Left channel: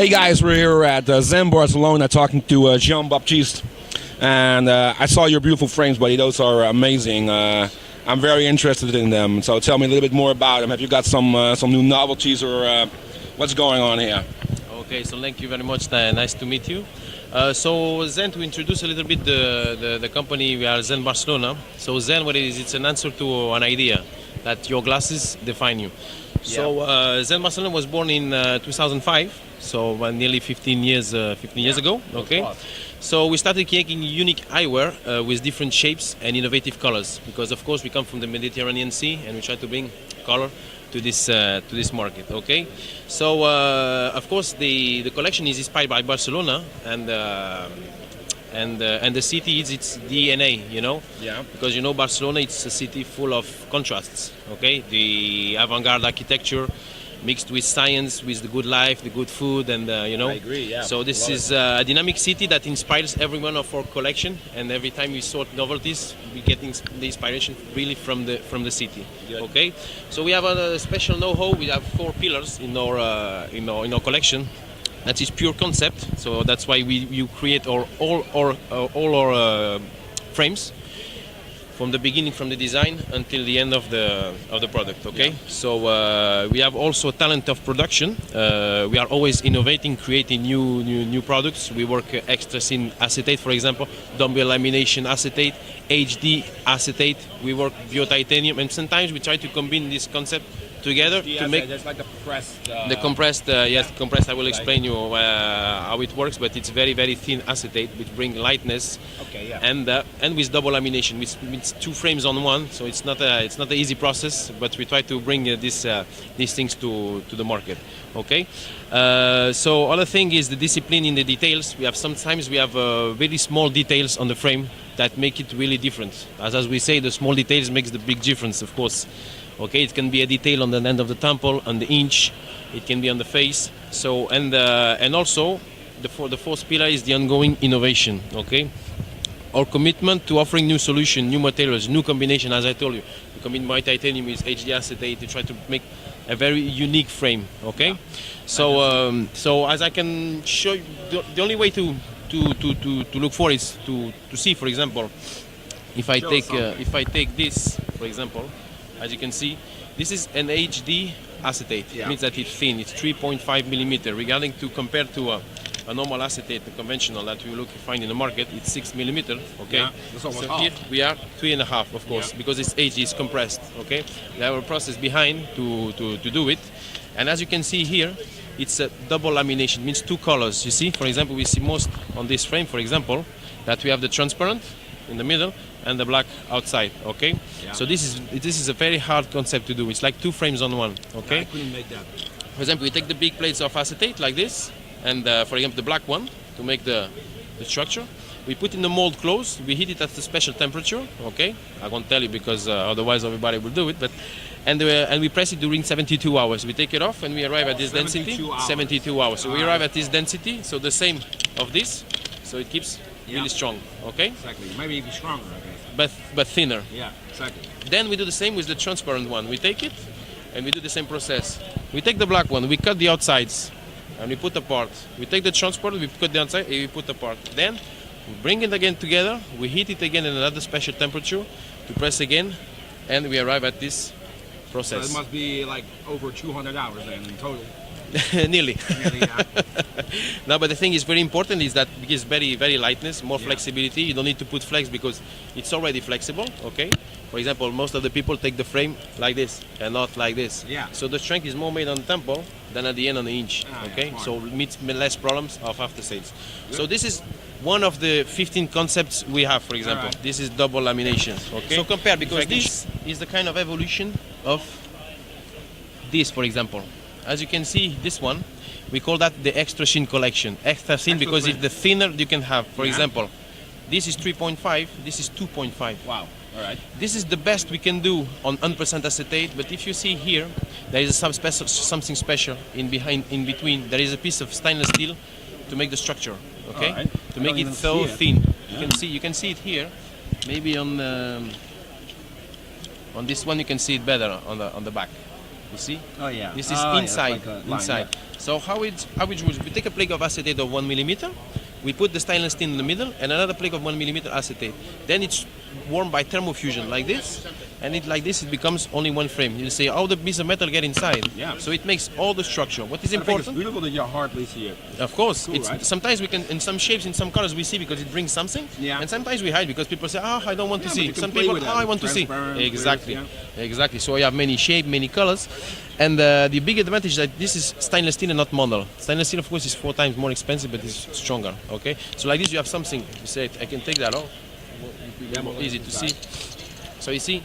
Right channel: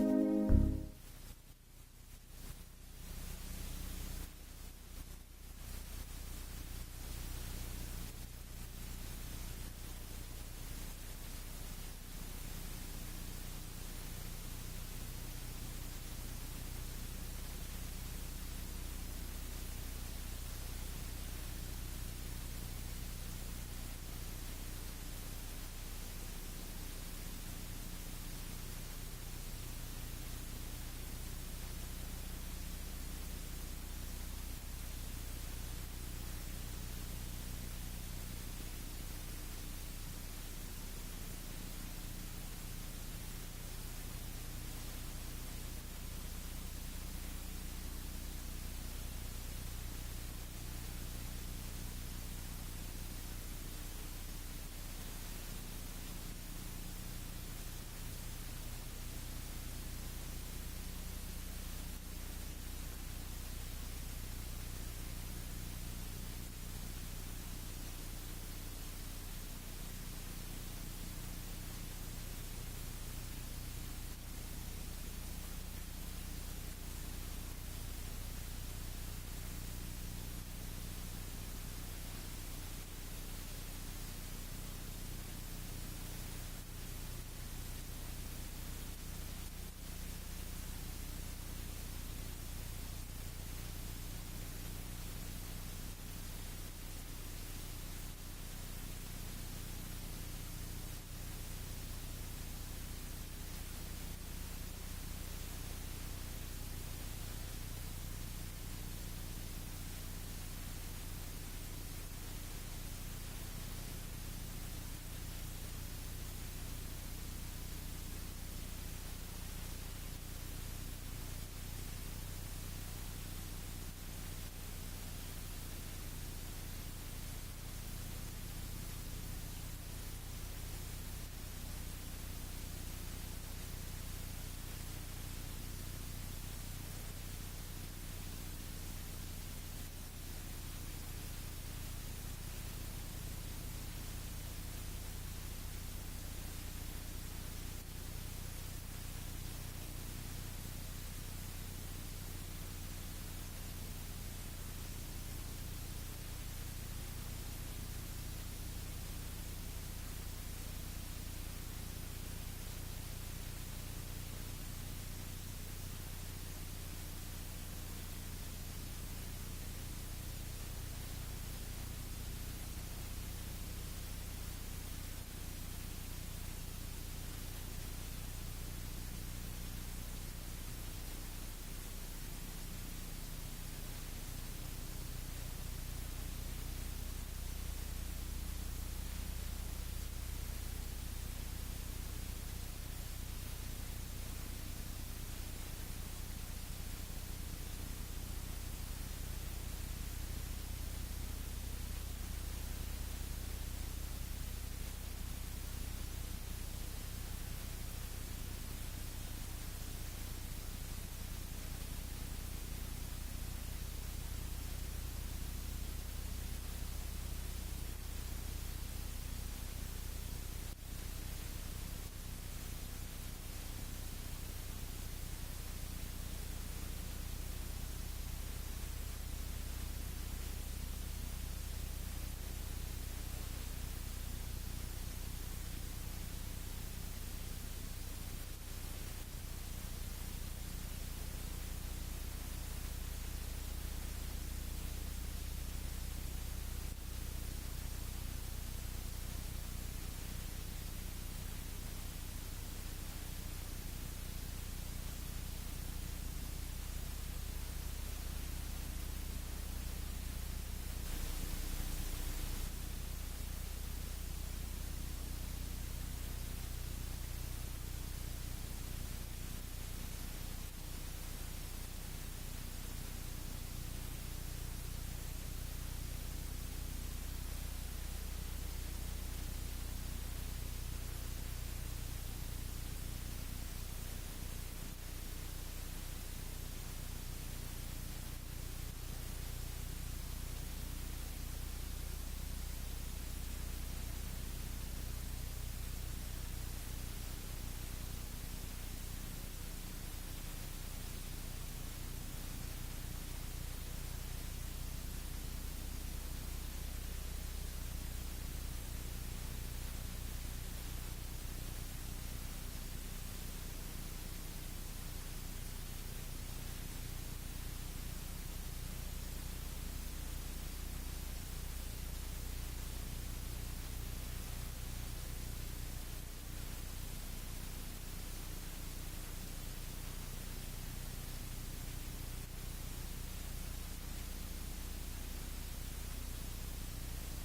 Hey guys, we're here at Zen Barcelona talking to Jean-Baptiste, and I saw your beautiful frames, buddy. Those are amazing. I'm very interested in them. So tell me a little bit more about them. Have you got some new novelties or what's going on here? Okay, so thank you very much. Nice to meet you. So Zen, to introduce a little bit the company, we are Zen Barcelona. So Zen, what it is, it's an answer to an idea that your glasses define you. So Zen Barcelona was born in 2005, so nearly 15 years ago. Okay, so we started creating unique eyewear with different shapes and innovative colors, because of course we come from the Mediterranean Sea and we try to bring color to this market. Okay, so of course the collection is inspired by Barcelona and the city is its DNA, you know. Yeah. Because you know Barcelona, it's a city full of contrasts. Okay, the avant-garde architecture mixed with science, with the good life, the good food, and you know. I agree. Yeah. So this is a dynamic city that inspires every one of our collection, and every time we sort novelties, we get the inspiration really from the city. Good. Okay, so we have a special know-how. We have 4 pillars in our collection. That is pure concept. So that's why you create all our frames from the beginning, from the design until the end of the product. Okay. Yeah. So we have also talent of production. We are always innovating, creating new products. We work Xtra-thin acetate, for example, double lamination acetate, HD acetate. We work bio-titanium, and sometimes we try to combine this concept together to make like the compressed. Yes, compressed. I will explain you how it works, but it's very thin acetate, which bring lightness. Okay, yeah. And with double lamination, which means 2 frames on one. So it's not an easy process, but we try to bring these things to the market. Okay. So other thing is the discipline in the details. Sometimes we have very small details on the frame that make it really different. As we say, the small details makes the big difference, of course. Okay, it can be a detail on the end of the temple, on the inch. It can be on the face. So and also the fourth pillar is the ongoing innovation. Okay, our commitment to offering new solution, new materials, new combination. As I told you, we combine my titanium with HD acetate to try to make a very unique frame. Okay, yeah. So as I can show you, the only way to look for is to see, for example, if I take this, for example. As you can see, this is an HD acetate. Yeah. It means that it's thin. It's 3.5 millimeter. Regarding to compared to a normal acetate, the conventional that we find in the market, it's 6 millimeter. Okay. Yeah, that's almost half. Here we are 3.5, of course, because it's HD, it's compressed. Okay. We have a process behind to do it, and as you can see here, it's a double lamination. It means 2 colors. You see, for example, we see most on this frame, for example, that we have the transparent in the middle and the black outside. Okay. Yeah. So this is a very hard concept to do. It's like 2 frames on one. Okay. I couldn't make that. For example, we take the big plates of acetate like this, and for example the black one to make the structure. We put in the mold close. We heat it at a special temperature. Okay. I won't tell you because otherwise everybody will do it. But and we press it during 72 hours. We take it off and we arrive at this density. 72 hours. So we arrive at this density. So the same of this. So it keeps really strong. Okay. Exactly. Maybe even stronger. But thinner. Yeah, exactly. Then we do the same with the transparent one. We take it and we do the same process. We take the black one, we cut the outsides and we put apart. We take the transparent, we cut the outside and we put apart. Then we bring it again together, we heat it again at another special temperature to press again, and we arrive at this process. So it must be like over 200 hours then in total. Nearly. Nearly, yeah. No, but the thing is very important is that it gives very lightness, more flexibility. You don't need to put flex because it's already flexible. Okay. For example, most of the people take the frame like this and not like this. Yeah. So the strength is more made on the temple than at the end on the inch. Okay. Yeah, so it meets less problems of after sales. Good. So this is one of the 15 concepts we have. For example, this is double lamination. Okay. So compare, because this is the kind of evolution of this, for example. As you can see, this one, we call that the Xtra-thin collection. Xtra-thin because it's the thinner you can have. For example, this is 3.5, this is 2.5. Wow, all right. This is the best we can do on 100% acetate, but if you see here, there is something special in between. There is a piece of stainless steel to make the structure, okay? Right. To make it so thin. Yeah. You can see it here. Maybe on this one you can see it better on the back. You see? Oh yeah. This is inside. Like inside. Line, yeah. So how it works? We take a plate of acetate of 1 millimeter. We put the stainless steel in the middle and another plate of 1 millimeter acetate. Then it's warmed by thermofusion like this. And like this, it becomes only one frame. You see how the piece of metal get inside. Yeah. So it makes all the structure. What is important? It's beautiful that you hardly see it. Of course. Cool, It's right? sometimes we can, in some shapes, in some colors, we see because it brings something. Yeah. And sometimes we hide because people say, I don't want to Yeah, but see. you can Some play people, with that. I want to see. Transparent, Exactly. yeah. Exactly. So you have many shapes, many colors. And the big advantage is that this is stainless steel and not mono. Stainless steel, of course, is 4 times more expensive, but it's stronger. Okay. So like this, you have something. You say, I can take that off. Easy to see. So you see,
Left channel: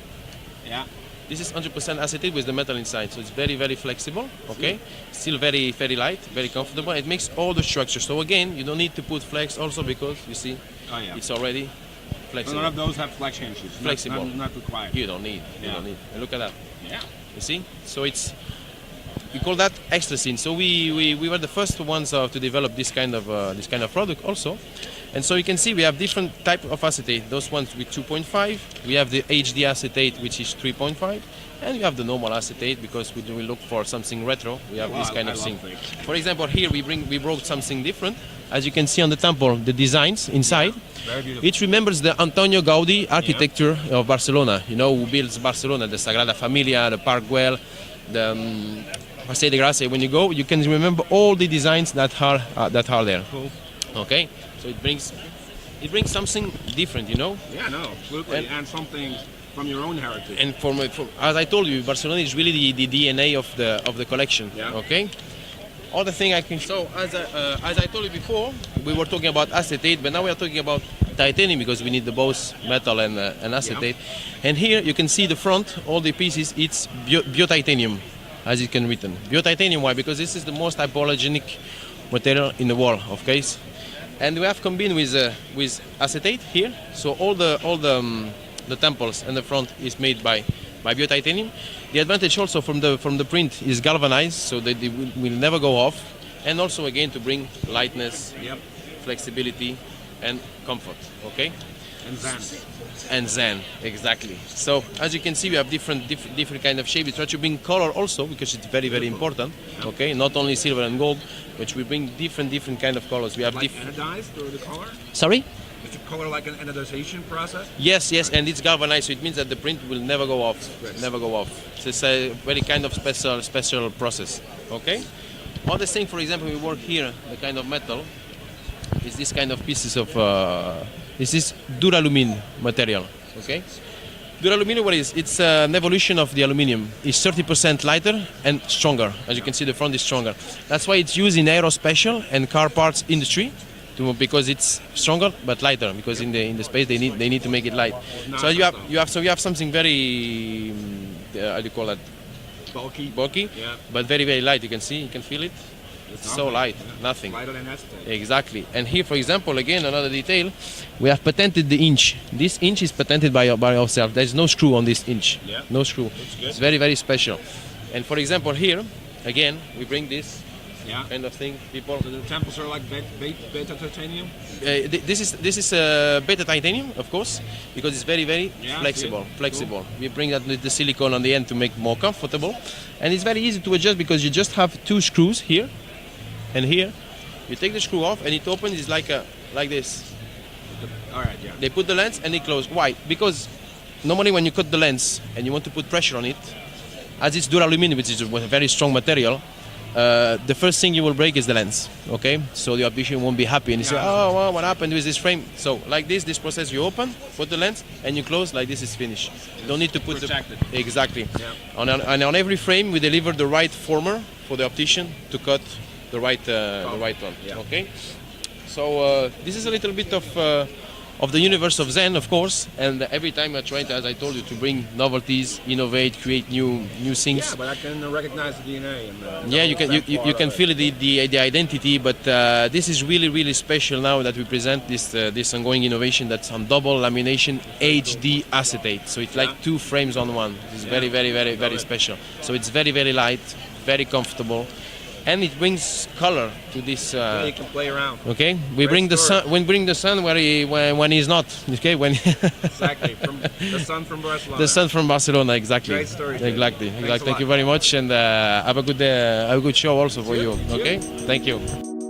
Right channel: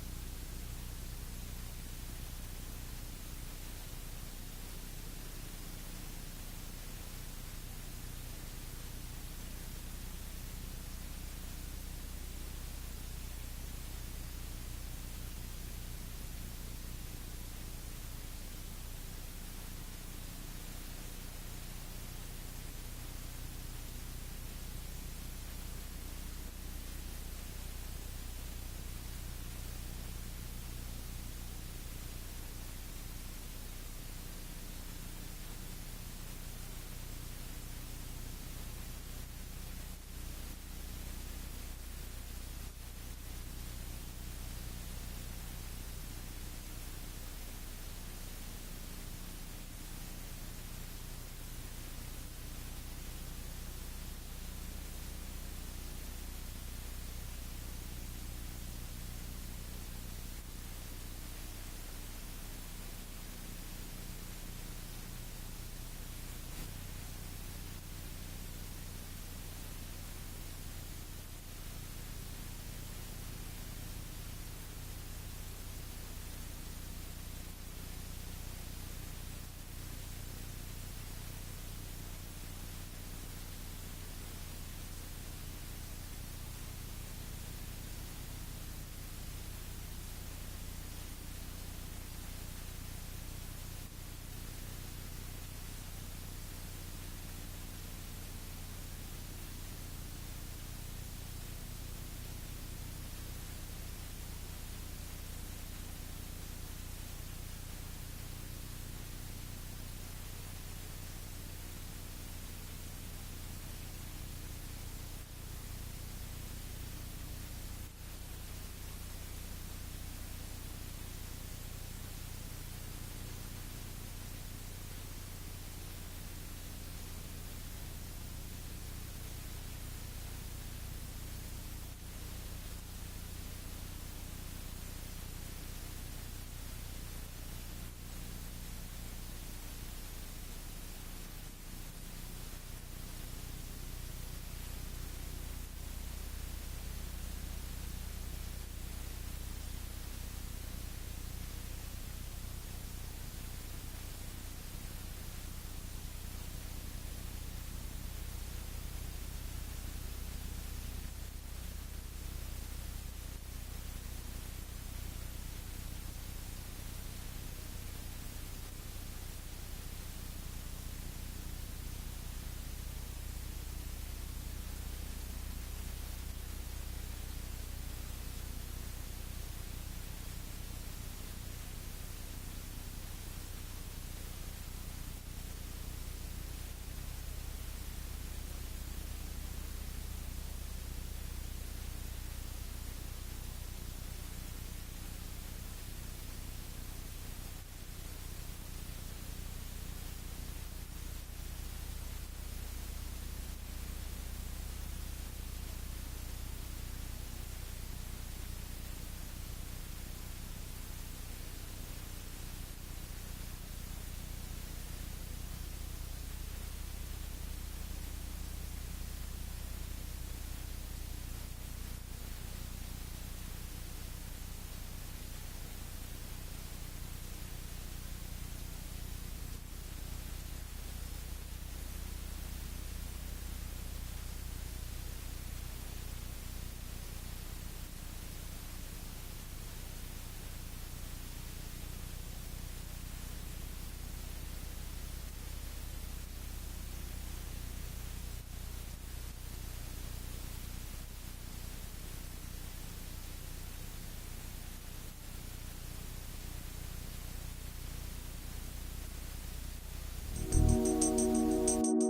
Yeah. this is 100% acetate with the metal inside, so it's very, very flexible, okay? Still very, very light, very comfortable. It makes all the structure. So again, you don't need to put flex also because, you see, Oh, yeah. it's already So flexible. none of those have flex hinges. Flexible. Not required. You don't need, you Yeah. don't need. And look at that, Yeah. you see? So it's, we call that Xtra-thin. So we were the first ones to develop this kind of product also. And so you can see we have different type of acetate. Those ones with 2.5. We have the HD acetate, which is 3.5. And we have the normal acetate because we look for something retro. We have this kind of thing. For example, here we brought something different. As you can see on the temple, the designs inside. Very beautiful. It remembers the Antonio Gaudi architecture of Barcelona. You know who builds Barcelona, the Sagrada Familia, the Park Güell, the Paseo de Gracia. When you go, you can remember all the designs that are there. Cool. Okay, so it brings something different, you know. Yeah, no, absolutely. And something from your own heritage. And as I told you, Barcelona is really the DNA of the collection. Yeah. Okay. Other thing I can show, as I told you before, we were talking about acetate, but now we are talking about titanium because we need the both metal and acetate. Yeah. And here you can see the front, all the pieces. It's bio-titanium, as it can written. Bio-titanium. Why? Because this is the most hypoallergenic material in the world. Okay. And we have combined with acetate here. So all the temples and the front is made by bio-titanium. The advantage also from the print is galvanized, so that they will never go off, and also again to bring lightness, Yep. flexibility, and comfort. Okay. And Zen. And Zen, exactly. So as you can see, we have different kind of shape. We try to bring color also because it's very, very important. Okay, not only silver and gold, but we bring different kind of colors. We have Like anodized or the color? Sorry. Is the color like an anodization process? Yes, and it's galvanized, so it means that the print will never go off. Never go off. So it's a very kind of special process. Okay. Other thing, for example, we work here, the kind of metal is this kind of pieces of this is duralumin material. Okay. Duralumin, what is? It's an evolution of the aluminium. It's 30% lighter and stronger. As you can see, the front is stronger. That's why it's used in aerospatial and car parts industry. Because it's stronger but lighter. Because in the space they need to make it light. So you have something very how do you call that? Bulky, Yeah. but very, very light. You can see, you can feel it. It's so light, nothing. Lighter than acetate. Exactly. And here, for example, again another detail, we have patented the inch. This inch is patented by ourselves. There's no screw on this inch. Yeah. No screw. good. It's very, very special. And for example, here again we bring this Yeah. kind of thing. People. So the temples are like beta titanium? This is beta titanium, of course, because it's very, very Yeah, flexible. see. Flexible. We bring that with the silicone on the end to make more comfortable, and it's very easy to adjust because you just have 2 screws here and here. You take the screw off, and it opens. It's like this. All right, yeah. They put the lens and it closes. Why? Because normally when you cut the lens and you want to put pressure on it, as it's duralumin, which is a very strong material. The first thing you will break is the lens, okay? So the optician won't be happy and you say, oh, well, what happened with this frame? So like this process you open, put the lens, and you close, like this is finished. You don't need to put Protected. Exactly. Yeah. And on every frame, we deliver the right former for the optician to cut the right one, Yeah. okay? So this is a little bit of the universe of Zen, of course, and every time we're trying to, as I told you, to bring novelties, innovate, create new things. Yeah, but I can recognize the DNA. And, Yeah, you can feel the identity, but this is really special now that we present this ongoing innovation that's on double lamination HD acetate. So it's like 2 frames on one. It's very special. So it's very light, very comfortable, and it brings color to this. You can play around. Okay, we bring the sun. We bring the sun when he's not. Okay, when Exactly. From the sun from Barcelona. the sun from Barcelona. Exactly. Great story. Exactly. Thanks a Thank you lot. very much, and have a good show also for you. Okay. Thank you.